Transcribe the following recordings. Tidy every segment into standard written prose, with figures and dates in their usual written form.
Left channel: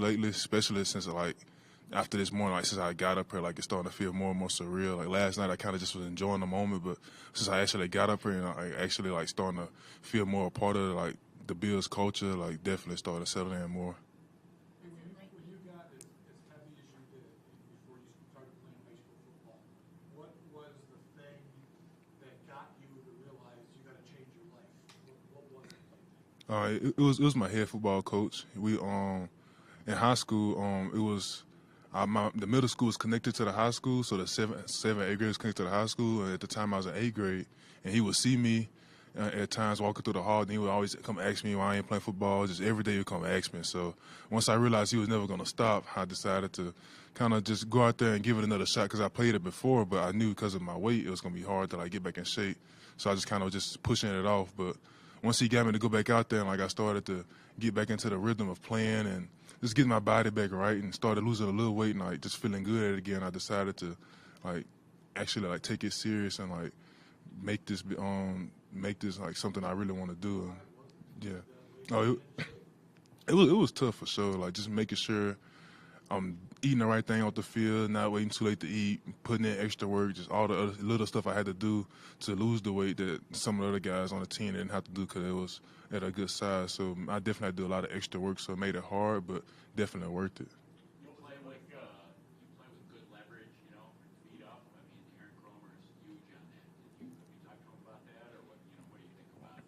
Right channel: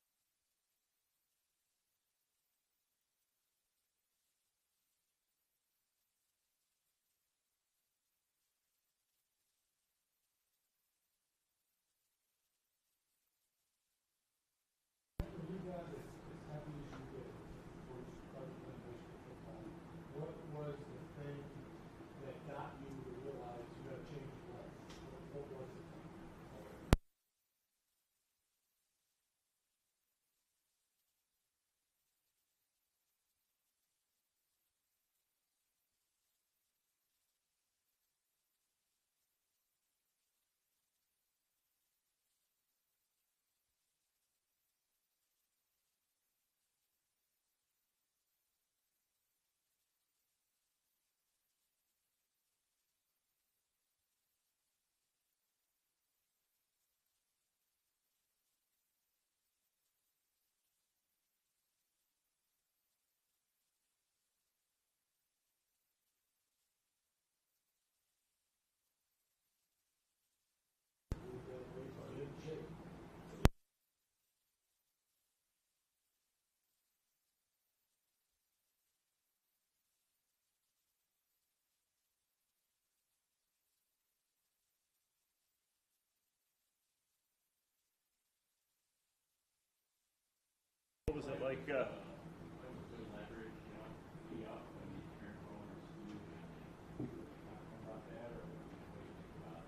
lately, especially since like after this morning, like since I got up here, like it's starting to feel more and more surreal. Like last night, I kind of just was enjoying the moment, but since I actually got up here and I actually like starting to feel more a part of like the Bills culture, like definitely starting to settle in more. When you got this happy issue with before you started playing baseball football, what was the thing that got you to realize you got to change your life? What was it? It was my head football coach. We in high school it was the middle school was connected to the high school, so the seven eighth grade was connected to the high school. And at the time I was in eighth grade, and he would see me at times walking through the hall, and he would always come ask me why I ain't playing football. Just every day he would come ask me. So once I realized he was never going to stop, I decided to kind of just go out there and give it another shot because I played it before, but I knew because of my weight it was going to be hard to like get back in shape. So I just kind of just pushing it off, but once he got me to go back out there and like I started to get back into the rhythm of playing and just getting my body back right and started losing a little weight and like just feeling good at it again, I decided to like actually like take it serious and like make this make this like something I really want to do. And, yeah. Oh, it was tough for sure. Like just making sure I'm eating the right thing off the field, not waiting too late to eat, putting in extra work, just all the other little stuff I had to do to lose the weight that some of the other guys on the team didn't have to do because it was at a good size. So I definitely had to do a lot of extra work, so it made it hard, but definitely worth it. What was it like? Playing with good leverage, feet up. I mean, carrying rollers, you talk about that, or what do you think about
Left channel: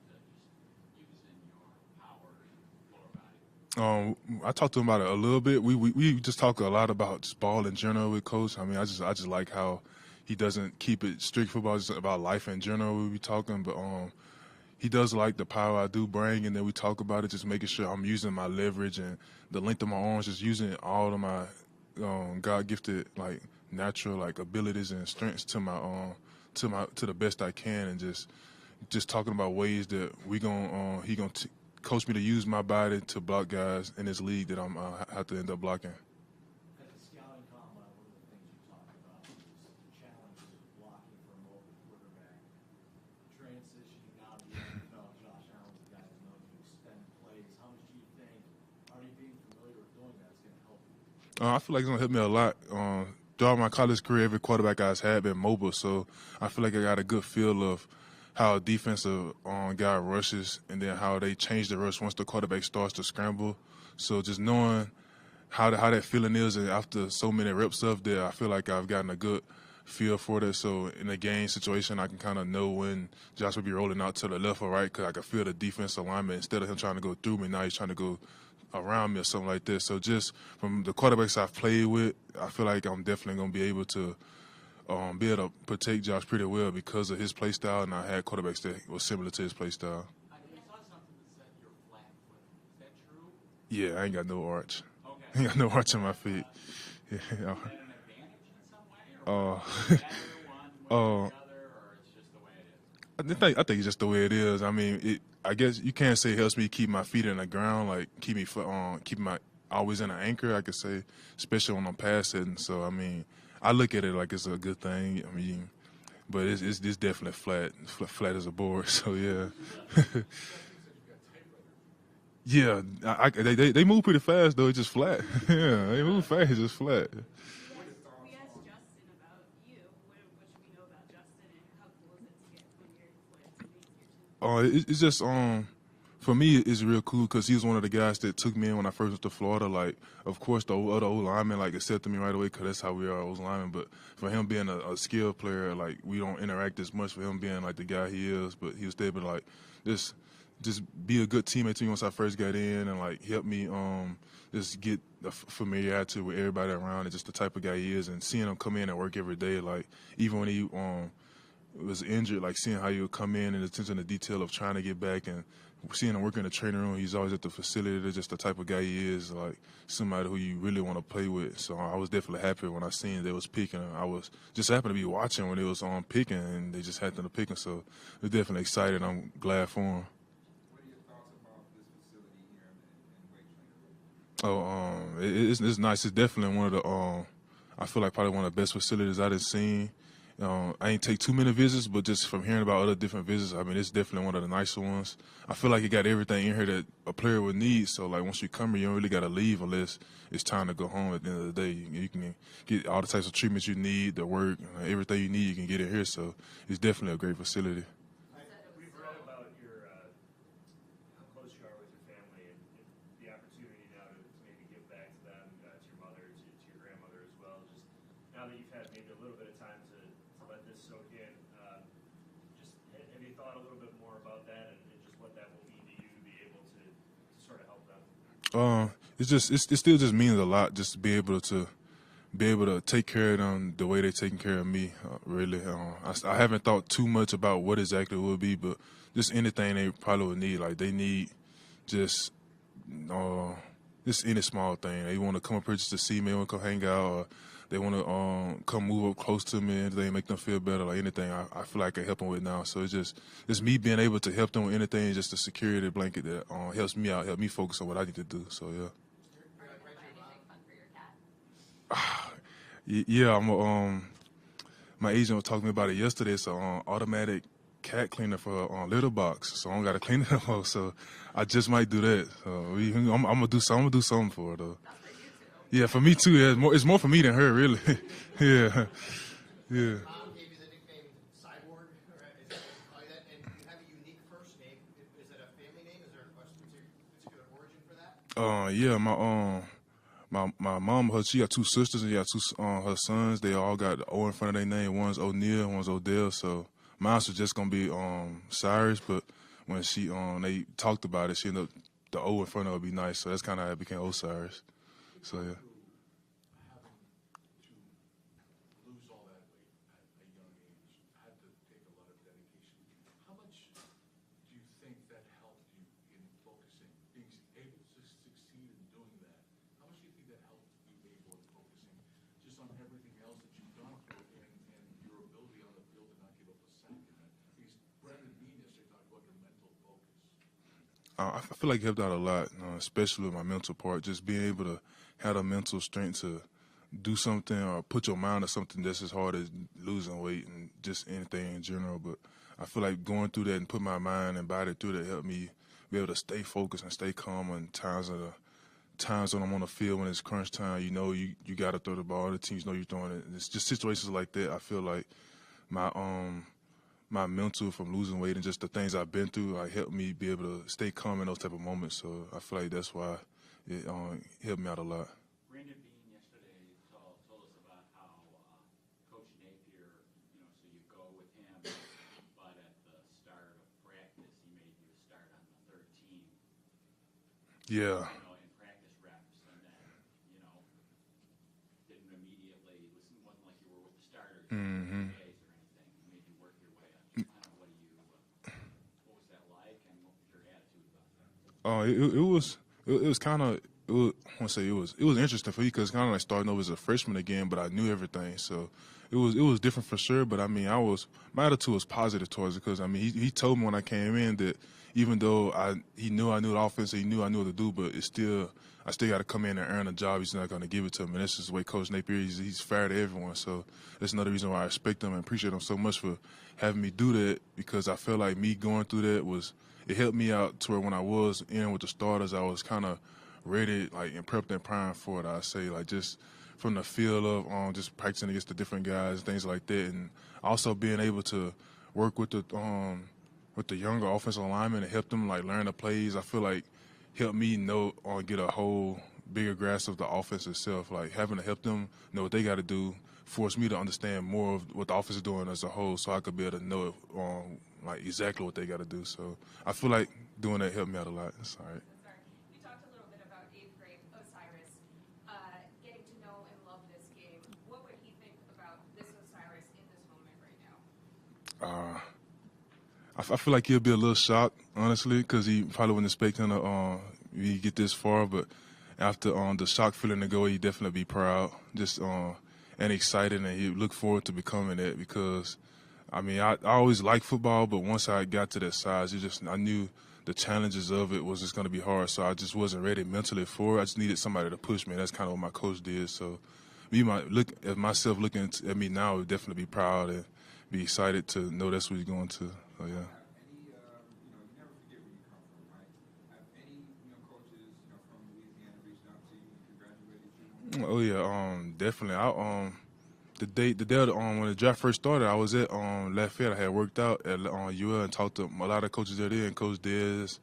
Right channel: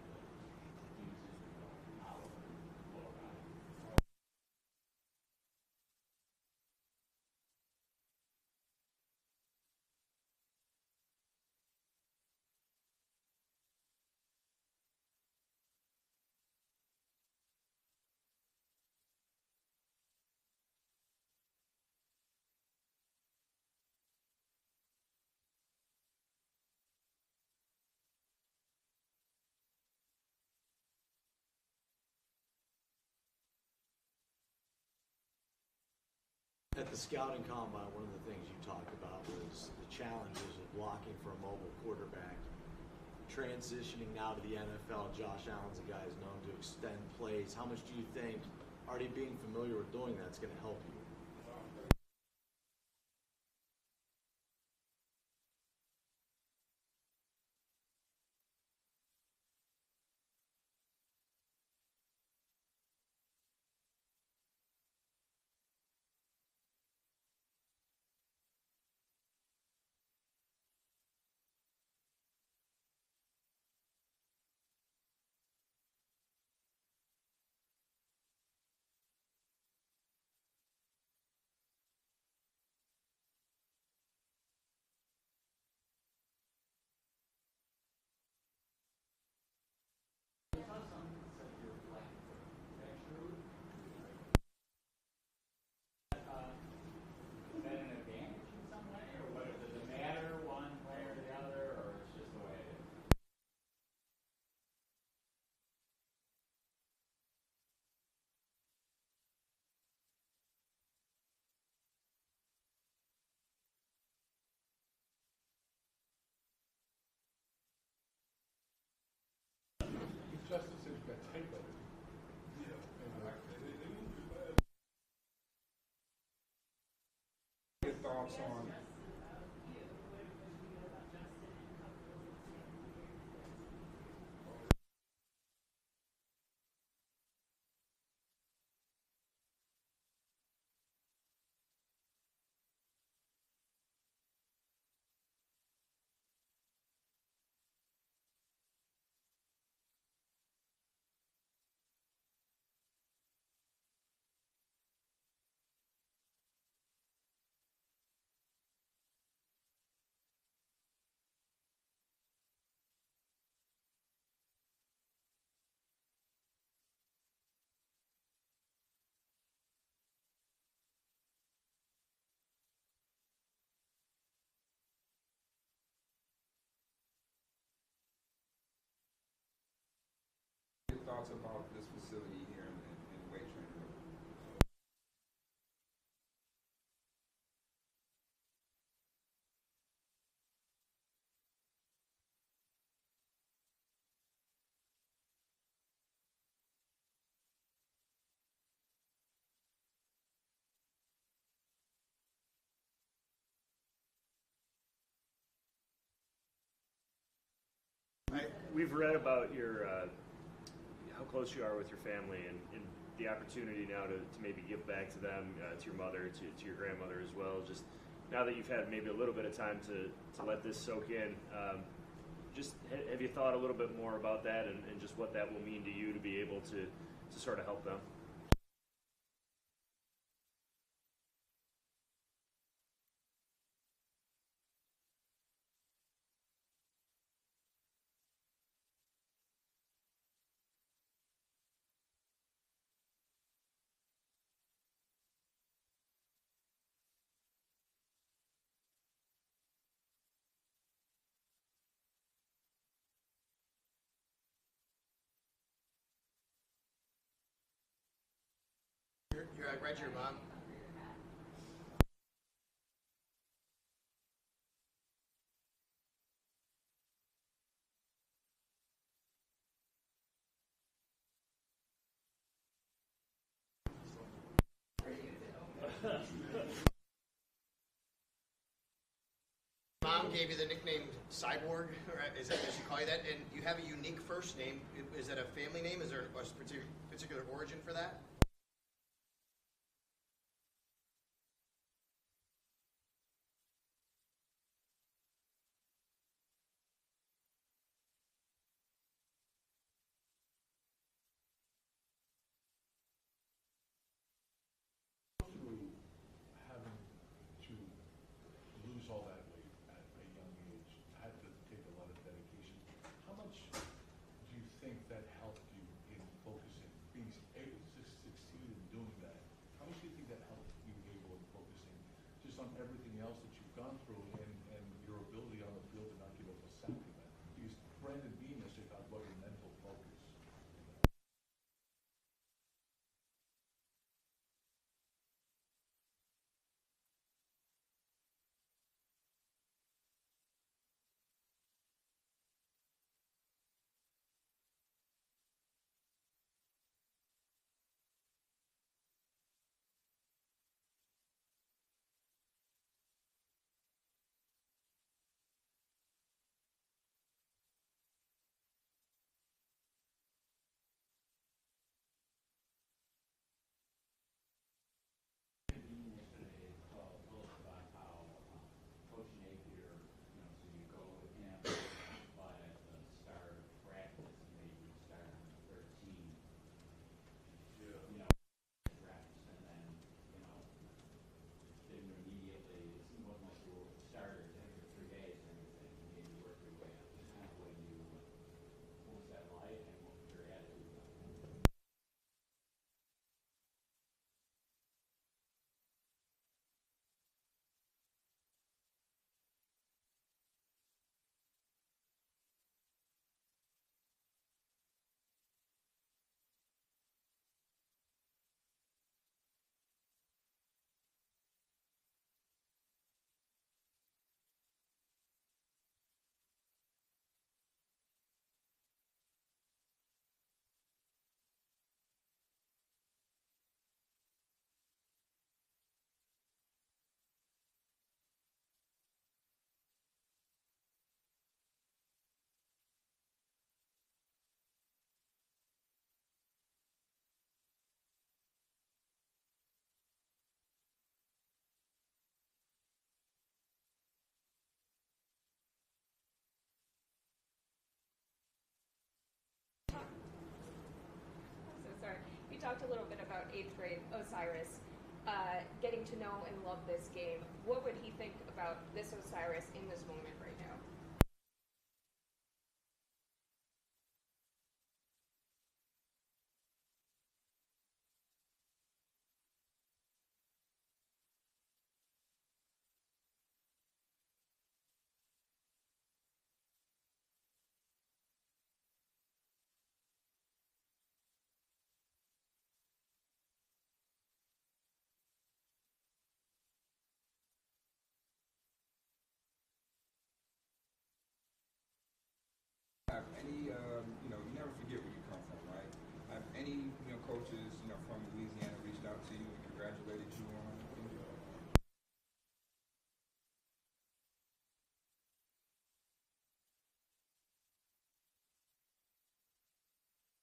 using power and lower body? I talked to him about it a little bit. We just talk a lot about just ball in general with coach. I mean, I just like how he doesn't keep it strict football, just about life in general. We be talking, but he does like the power I do bring, and then we talk about it, just making sure I'm using my leverage and the length of my arms, just using all of my God gifted like natural like abilities and strengths to the best I can, and just talking about ways that we gon' he gonna coach me to use my body to block guys in this league that I'm have to end up blocking. At the scouting combine, one of the things you talked about was the challenges of blocking for a mobile quarterback. Transitioning now to the NFL, Josh Allen's a guy who's known to extend plays. How much do you think already being familiar with doing that's going to help you? I feel like it's gonna help me a lot. Throughout my college career, every quarterback I've had been mobile, so I feel like I got a good feel of how a defensive guy rushes and then how they change the rush once the quarterback starts to scramble. So just knowing how that feeling is and after so many reps of there, I feel like I've gotten a good feel for that. So in a game situation, I can kind of know when Josh will be rolling out to the left or right because I can feel the defense alignment. Instead of him trying to go through me, now he's trying to go around me or something like this. So just from the quarterbacks I've played with, I feel like I'm definitely going to be able to be able to protect Josh pretty well because of his play style, and I had quarterbacks that was similar to his play style. I saw something that said you're flat footed. Is that true? Yeah, I ain't got no arch. Okay. I ain't got no arch in my feet. Is Yeah. that an advantage in some way, or Uh, does it matter one way or uh, the other, or it's just the way it is? I think it's just the way it is. I mean, I guess you can't say it helps me keep my feet in the ground, like keep my always in an anchor. I could say, especially when I'm passing. So I mean, I look at it like it's a good thing. I mean, but it's definitely flat as a board. So yeah, yeah. They move pretty fast though. It's just flat. Yeah, they move fast. It's just flat. What are your thoughts on? It's just for me it's real cool because he was one of the guys that took me in when I first went to Florida. Like, of course, the other old linemen like accepted me right away because that's how we are old linemen. But for him being a skilled player, like we don't interact as much. For him being like the guy he is, but he was able to like just just be a good teammate to me once I first got in and like help me just get the familiarity with everybody around and just the type of guy he is and seeing him come in and work every day. Like even when he was injured, like seeing how he would come in and attention to detail of trying to get back and seeing him work in the training room. He's always at the facility. That's just the type of guy he is, like somebody who you really want to play with. So I was definitely happy when I seen they was picking. I was just happened to be watching when it was on picking and they just happened to pick him. So we're definitely excited. I'm glad for him. What are your thoughts about this facility here in weight training? Oh, it's nice. It's definitely one of the I feel like probably one of the best facilities I done seen I ain't take too many visits, but just from hearing about other different visits, I mean, it's definitely one of the nicer ones. I feel like it got everything in here that a player would need. So, like, once you come here, you don't really got to leave unless it's time to go home at the end of the day. You can get all the types of treatments you need, the work, everything you need, you can get it here. So, it's definitely a great facility. We've read about your how close you are with your family and the opportunity now to maybe give back to them, to your mother, to your grandmother as well. Just now that you've had maybe a little bit of time to let this soak in, just have you thought a little bit more about that and just what that will mean to you to be able to sort of help them? It still just means a lot just to be able to take care of them the way they're taking care of me. Really, I haven't thought too much about what exactly it would be, but just anything they probably would need. Like they need just any small thing. They want to come up here just to see me, they want to come hang out, or they want to come move up close to me, anything make them feel better. Like anything, I feel like I can help them with now. So it's me being able to help them with anything, just a security blanket that helps me out, help me focus on what I need to do. So yeah. You're right, your mom. Yeah, my agent was talking to me about it yesterday. It's an automatic cat cleaner for litter box, so I don't got to clean it anymore. So I just might do that. So I'm gonna do something for her though. Yeah, for me too. Yeah, it's more for me than her, really. Yeah. Mom gave you the nickname Cyborg, right? Is that what she call you that? And you have a unique first name. Is that a family name? Is there a particular origin for that? Yeah, my mom, she got two sisters and she got two her sons. They all got the O in front of their name. One's O'Neal, one's Odell. So mine's was just gonna be Cyrus, but when they talked about it, she ended up the O in front of it would be nice. So that's kind of how it became Osiris. So yeah. Having to lose all that weight at a young age had to take a lot of dedication. How much do you think that helped you in focusing, being able to succeed in doing that? How much do you think that helped you able in focusing just on everything else that you've gone through and your ability on the field to not give up a sack in that? Because Brandon Bean yesterday talked about your mental focus. I feel like it helped out a lot, especially with my mental part. Just being able to have the mental strength to do something or put your mind to something that's as hard as losing weight and just anything in general. But I feel like going through that and put my mind and body through that helped me be able to stay focused and stay calm in times when I'm on the field when it's crunch time. You know you got to throw the ball. The teams know you're throwing it. And it's just situations like that. I feel like my mental from losing weight and just the things I've been through, like helped me be able to stay calm in those type of moments. So I feel like that's why it helped me out a lot. Brandon Bean yesterday told us about how Coach Napier, so you go with him, but at the start of practice, he made you start on the 13. Yeah. In practice reps, and then, didn't immediately, it wasn't like you were a starter for 2 days or anything. You maybe work your way up. Kind of what was that like, and what was your attitude about that? It was kind of. I want to say it was interesting for you because kind of like starting over as a freshman again, but I knew everything, so it was different for sure. But I mean, my attitude was positive towards it because I mean he told me when I came in that even though he knew I knew the offense, he knew I knew what to do, but I still got to come in and earn a job. He's not going to give it to me. And that's just the way Coach Napier he's fair to everyone. So that's another reason why I respect him and appreciate him so much for having me do that because I feel like me going through that it helped me out to where when I was in with the starters, I was kind of ready, like, and prepped and primed for it. I say, like, just from the feel of just practicing against the different guys, things like that, and also being able to work with the younger offensive linemen and help them like learn the plays. I feel like helped me know or get a whole bigger grasp of the offense itself. Like having to help them know what they got to do forced me to understand more of what the offense is doing as a whole, so I could be able to know like exactly what they got to do. So I feel like doing that helped me out a lot. Sorry. So sorry. We talked a little bit about 8th grade Osiris, getting to know and love this game. What would he think about this Osiris in this moment right now? I feel like he'll be a little shocked, honestly, because he probably wasn't expecting to get this far. But after the shock feeling to go, he'd definitely be proud, just and excited, and he look forward to becoming that because, I mean, I always liked football, but once I got to that size, I knew the challenges of it was just going to be hard, so I just wasn't ready mentally for it. I just needed somebody to push me. That's kind of what my coach did. So look at myself looking at me now would definitely be proud and be excited to know that's what he's going to. So yeah. Have any, you know, you never forget where you come from, right? Have any, you know, coaches, you know, from Louisiana reached out to you and congratulated you on? Oh yeah, definitely. The day of when the draft first started, I was at Lafayette. I had worked out at UL and talked to a lot of coaches there, and Coach Dez,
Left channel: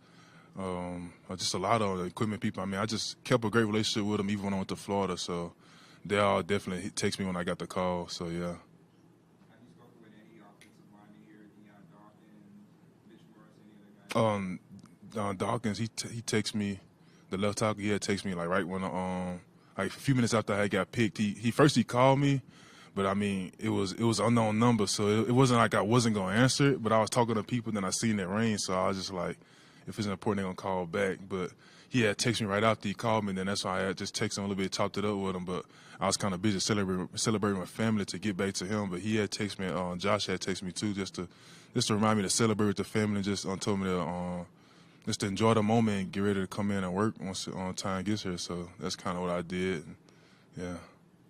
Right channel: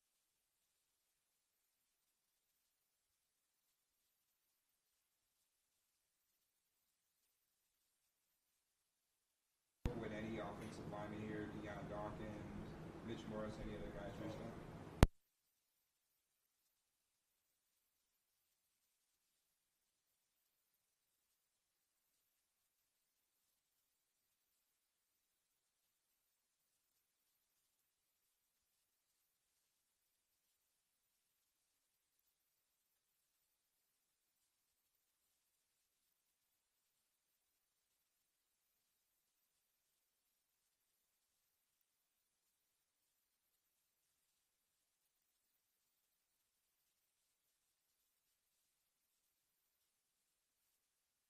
just a lot of equipment people. I mean, I just kept a great relationship with them even when I went to Florida. So they all definitely text me when I got the call. So yeah. Have you spoken with any offensive linemen here, Deion Dawkins, Mitch Morris, any other guys? Dawkins, he texted me, the left tackle. He had texted me like right when like a few minutes after I had got picked. He called me. But I mean, it was unknown number, so it wasn't like I wasn't gonna answer it. But I was talking to people, then I seen it ring, so I was just like, if it's important, they're gonna call back. But he had texted me right after he called me, and then that's why I had just texted him a little bit, chopped it up with him. But I was kind of busy celebrating my family to get back to him. But he had texted me, Josh had texted me too, just to remind me to celebrate with the family, and just told me to just to enjoy the moment and get ready to come in and work once time gets here. So that's kind of what I did. Yeah. You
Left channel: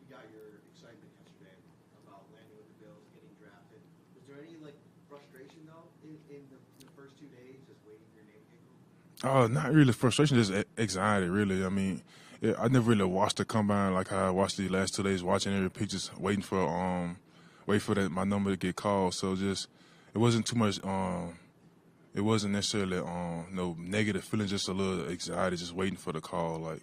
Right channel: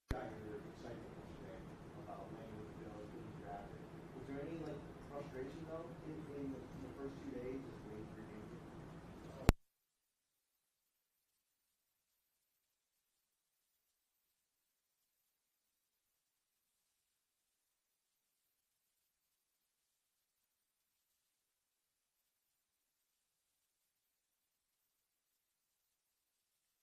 got your excitement yesterday about landing with the Bills, getting drafted. Was there any like frustration though in the first 2 days, just waiting for your name? Not really frustration, just anxiety. Really, I mean, I never really watched the combine like how I watched the last 2 days, watching every pick, just waiting for my number to get called. So just it wasn't too much. It wasn't necessarily no negative feeling, just a little anxiety, just waiting for the call. Like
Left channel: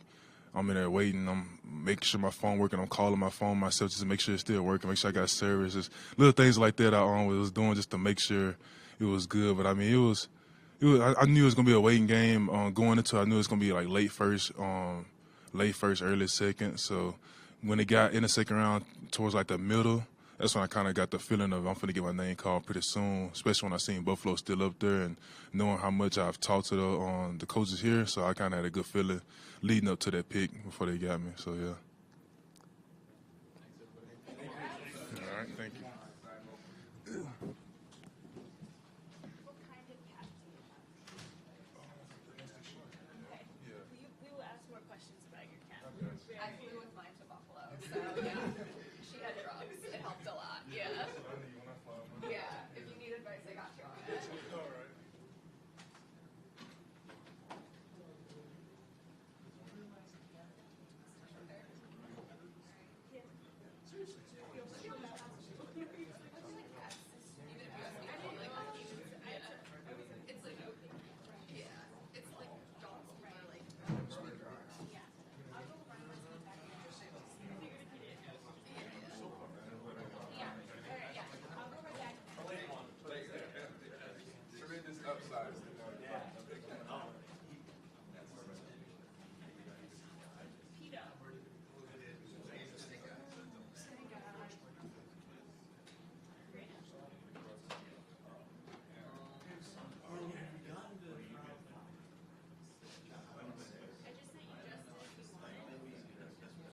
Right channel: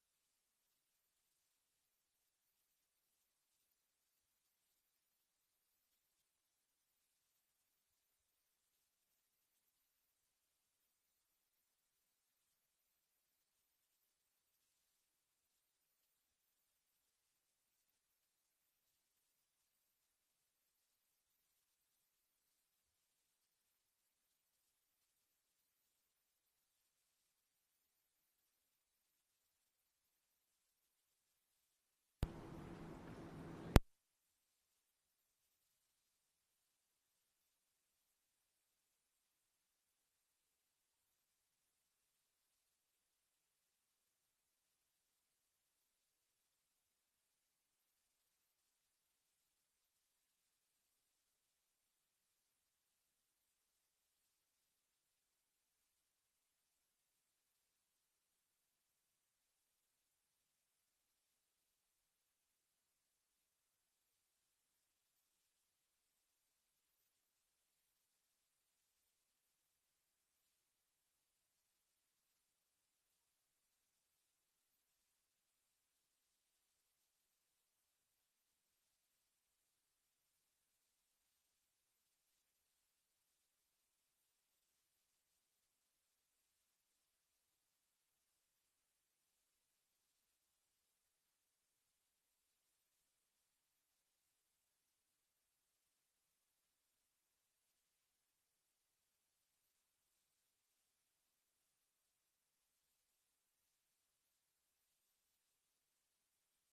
I'm in there waiting, I'm making sure my phone working, I'm calling my phone myself just to make sure it's still working, make sure I got service, just little things like that I was doing just to make sure it was good. But I mean, I knew it was gonna be a waiting game going into it. I knew it was gonna be like late first, early second. So when it got in the second round towards like the middle, that's when I kind of got the feeling of I'm finna get my name called pretty soon, especially when I seen Buffalo still up there and knowing how much I've talked to the coaches here. So I kind of had a good feeling leading up to that pick before they got me. So yeah. All right, thank you. What kind of cat do you have? Okay. We will ask more questions about your cat. I flew with mine to